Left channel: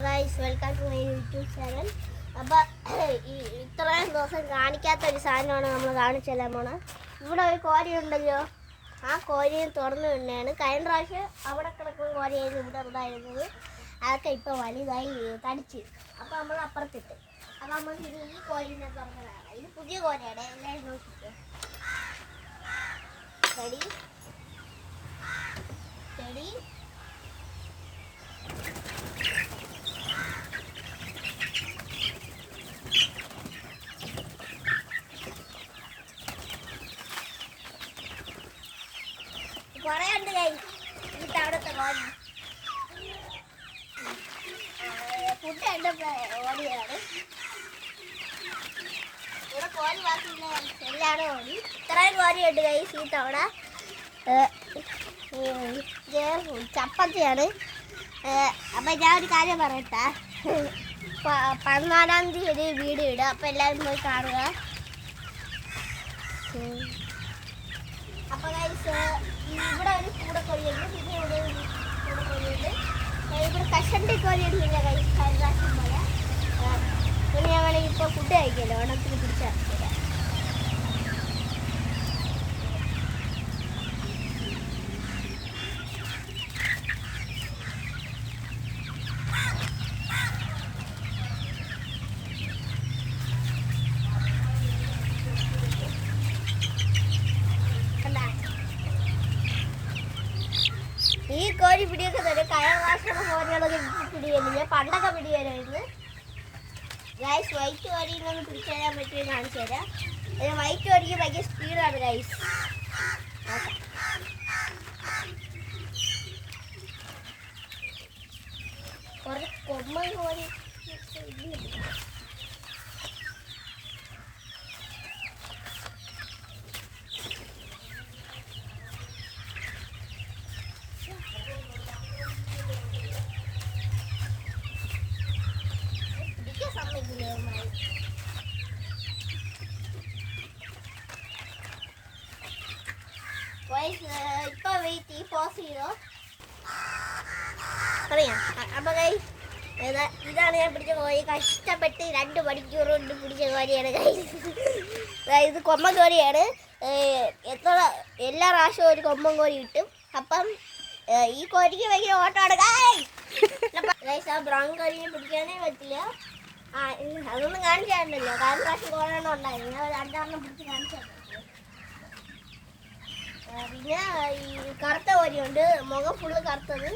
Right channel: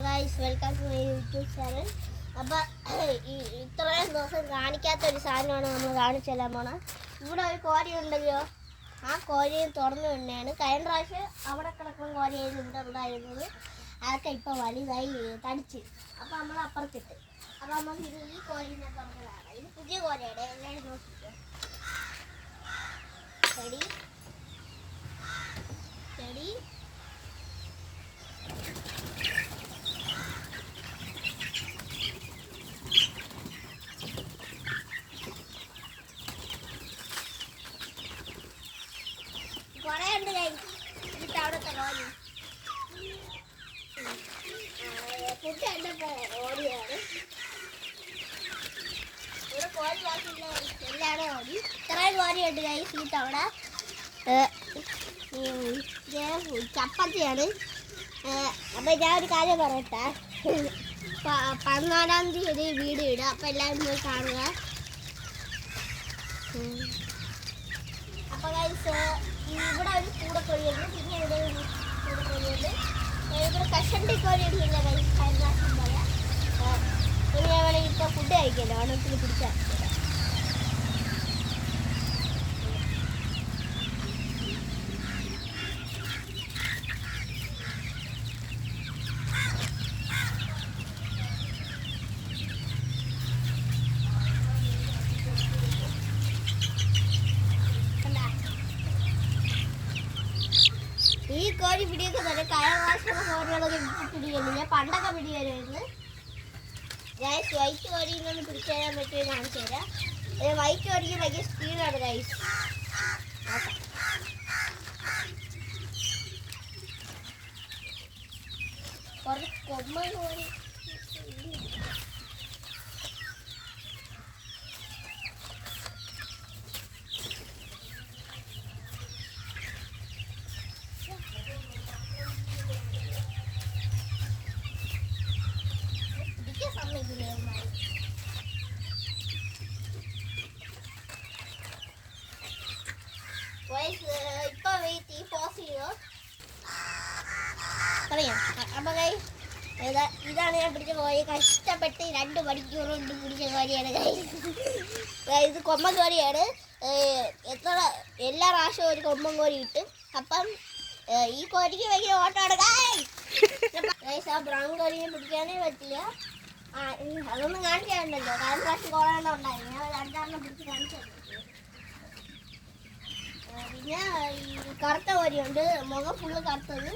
Guys, welcome to my YouTube channel. അപ്പോൾ ഇത്രയും ദിവസം കാണിക്കാത്ത ഒരു സാധനമാണ് നമ്മൾ കാണിച്ചെല്ലാൻ പോണത്. ഇവിടെ ഒരു കോരി ഉണ്ടല്ലോ, ആ കോരിയെ തുറന്നു തന്നെയാണ്. കഴിഞ്ഞ പ്രാവശ്യം അവിടെ കിടക്കുന്ന കോരിയായിരുന്നു ഇവിടെ ഉണ്ടായിരുന്നത്. അതൊക്കെ ഇപ്പോൾ വലുതായി തടിച്ച്. അപ്പോൾ നമ്മൾ അപ്പുറത്തിട്ട്. അപ്പോൾ നമ്മൾ ഇനി ഈ കോരിനെ തുറന്നതാണ്. ഇത് പുതിയ കോരിയാണ്. എല്ലാവരും നോക്കിയിട്ട് ചെടി ചെടി കുറേയുണ്ട്. എന്നിട്ട് അവിടുത്തെ കോരി ഫുഡ് കണ്ടപ്പോൾ ഓടിയാണ്. ഇവിടെ കോരി ബാക്കിയില്ല, എല്ലാവരും ഓടി. ഇത്രയും കോരിയുണ്ട് ഗൈസ് ഈ തവണ. ചപ്പത്തിയാണ്. അപ്പം ഞാൻ ഒരു കാര്യം പറയട്ടെ, 14-ാം തീയതി വീഡിയോ ഇടുക. അപ്പം എല്ലാവരും പോയി കാണുക. അപ്പോൾ ഗൈസ് ഇവിടെ ഒരു കൂടക്കോഴിയുണ്ട്, പിന്നെ ഇവിടെ ഒരു കൂടക്കോഴിയുണ്ട്. ഇവിടെ കഷണ്ടി കോഴിയൊന്നുമില്ല ഗൈസ്, ഹരിദാസം പോലെ. പിന്നെ ഞങ്ങൾ ഇപ്പോൾ ഫുഡ് കഴിക്കല്ലോ, ഓണത്തിന് പിടിച്ചാൽ ഈ കോഴി പിടിയൊക്കെ തന്നെ കഴിഞ്ഞ പ്രാവശ്യം കോഴികളൊക്കെ പിടിയുന്നില്ല, പണ്ടൊക്കെ പിടിയായിരുന്നു. ഗൈസ് വൈറ്റ് കോഴി ഇങ്ങനെ പിടിച്ചു തരാൻ പറ്റുമെന്ന് കാണിച്ചു തരാം. വൈറ്റ് കോഴിക്ക് ഭയങ്കര സ്പീഡാണ് ഗൈസ്. കുറച്ച് കൊമ്മൻ കോഴി ഇപ്പൊ വെയിറ്റ് ഈ പോസ് ചെയ്തോ അറിയാം. അപ്പൊ ഗൈസ് ഇതാണ് ഞാൻ പിടിച്ച കോഴി. കഷ്ടപ്പെട്ട് 2 മണിക്കൂർ കൊണ്ട് പിടിച്ച കോഴിയാണ് ഗൈസ്. ഇത് കൊമ്പൻ കോഴിയാണ്. എല്ലാ പ്രാവശ്യവും ഒരു കൊമ്പൻ കോഴി കിട്ടും. അപ്പം ഈ കോഴിക്ക് വലിയ ഓട്ടമാണ് ഗൈസ്. ആ ബ്രൗൺ കോഴിയെ പിടിക്കാനേ പറ്റില്ല. അതൊന്നും കാണിച്ചാണ്ടല്ലോ, കഴിഞ്ഞ പ്രാവശ്യം കോഴ ഉണ്ടായിരുന്നു. ഞാൻ 2 പിടിച്ച് കാണിച്ചു. പിന്നെ ഈ കറുത്ത കോഴിയുണ്ട്, മുഖം ഫുള്ള് കറുത്തത്.